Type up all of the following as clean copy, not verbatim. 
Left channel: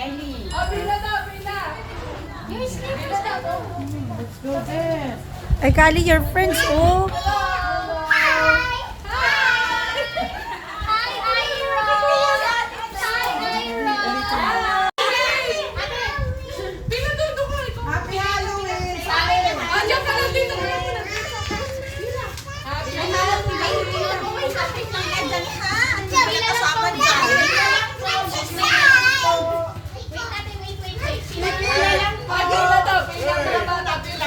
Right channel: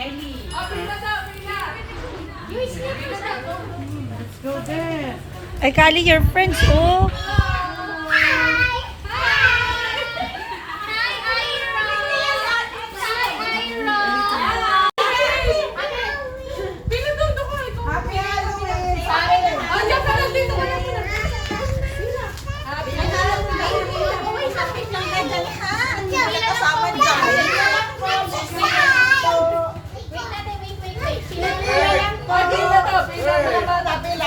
Let's go there. Ay, Kali, your friends, oh. Happy Halloween!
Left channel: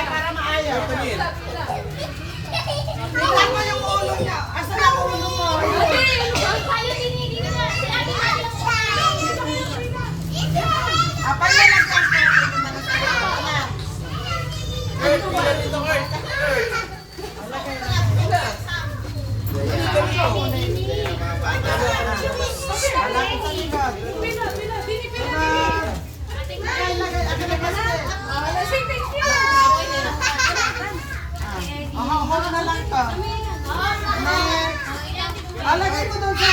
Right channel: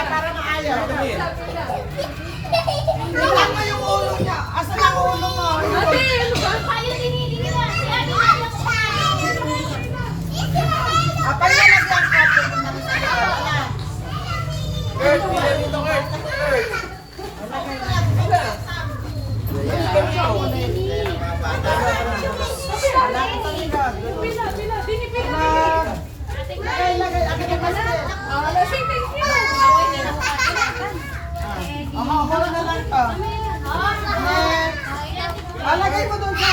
Para maayaw. Tingnan mo yung ulo niya. Asan ang ulo mo? Apay na lang yan. Hold na lang to. Alagay mo doon sa...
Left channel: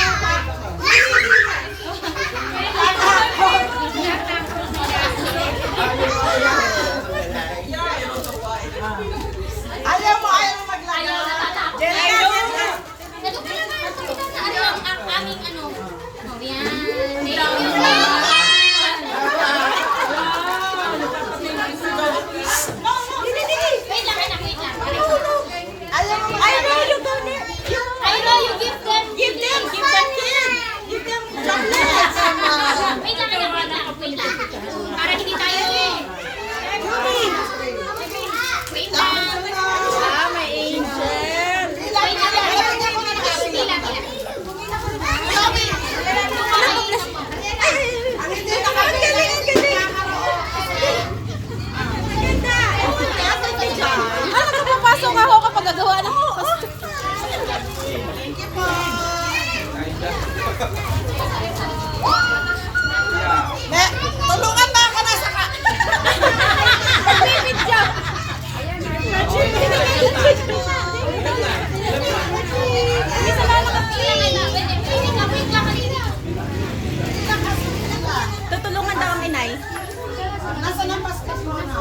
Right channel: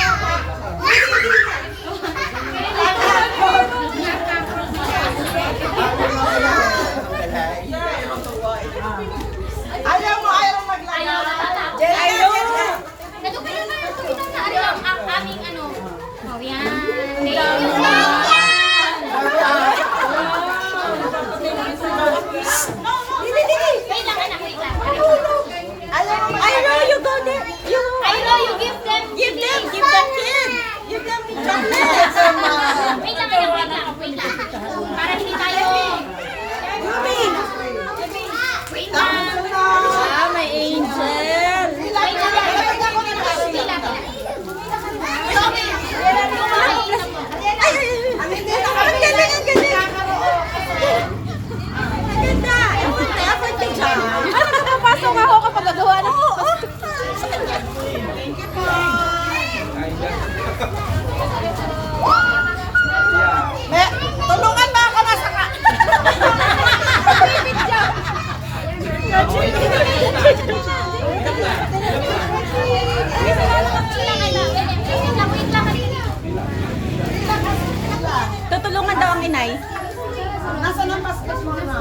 Ayaw mo maglagay. Para hindi tayo wait lang. May angel. Wait lang. Ang hindi na kami Papasok ako kapag gagawa ng... Thank you po. Tulungan na ako na sa Tutulungan daw ang inay. Nasaan ang basket mo na?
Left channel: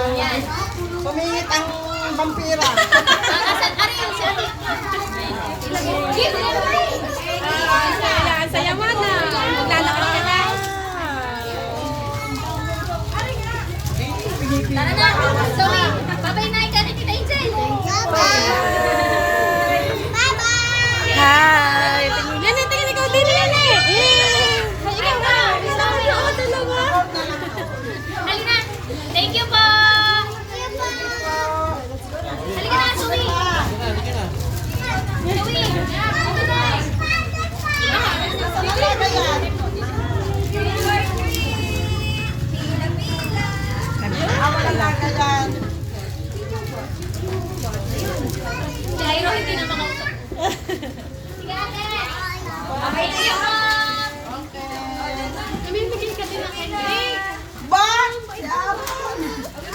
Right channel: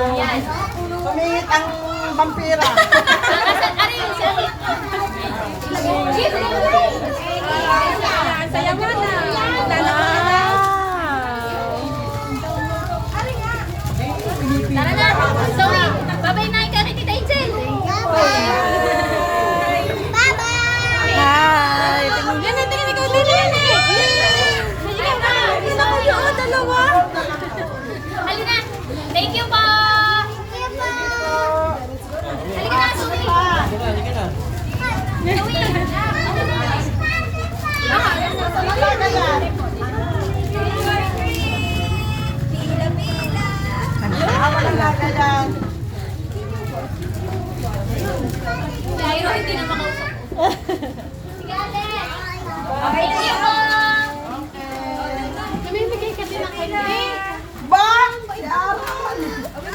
Yan. Tumingit ang vampira. Saya mo na. Tara na. Sorry. Babay na ka na kita, Angel. Hi! Tingnan ikaw din yan eh! Ikaw na. Isa ko yun. Dalawa. Halina. Thank you po. Halika na, Zoe. Zoe. Nasaan ang lagay yan? Wala lagay yan. Mayroon hindi na makausap. Sige, ate. Thank you po. Kumibigay ka din ng cake. Bang! Yaron! Ano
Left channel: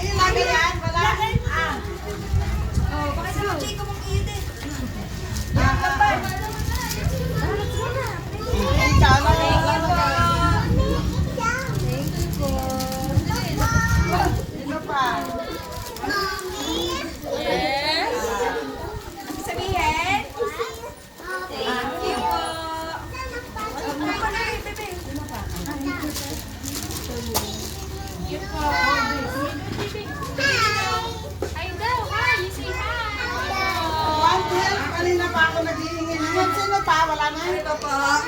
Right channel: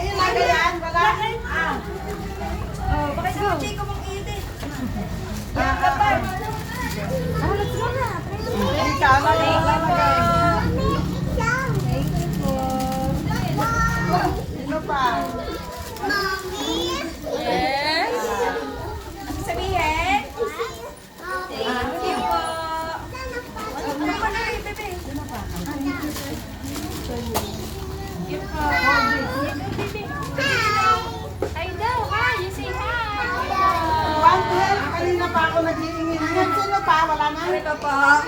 yung lagay yan? Wala? Bakit yung chiko mong iitin? Ikaw na lang lalagay. Sino pa? Ay daw, hi. Say hi. Vampire, kanina pa ako nag-iingin. Sino pa? Wala na? Ito pa.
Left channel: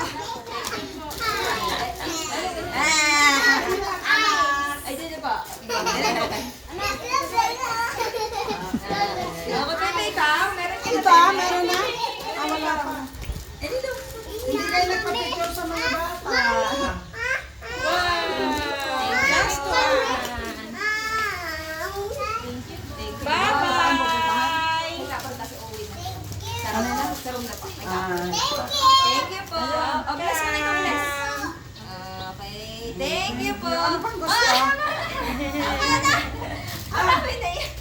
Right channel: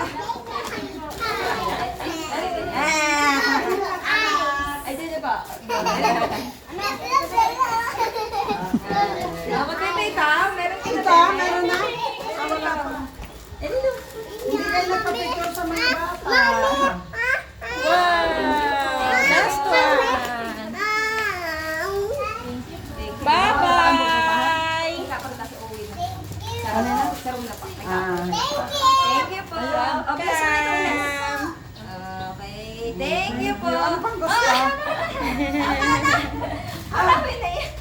Ay, dito ba? Nakapatay ka? Meron ka Ito, meron na? Wala pa. Hindi kayo nagpa-picture sa mga bata. Last one. Bye-bye! Thank you po. Oh, bless mo na ikaw, bless. Okay, thank you po. Ano pang gusto? Wala na. Wala na.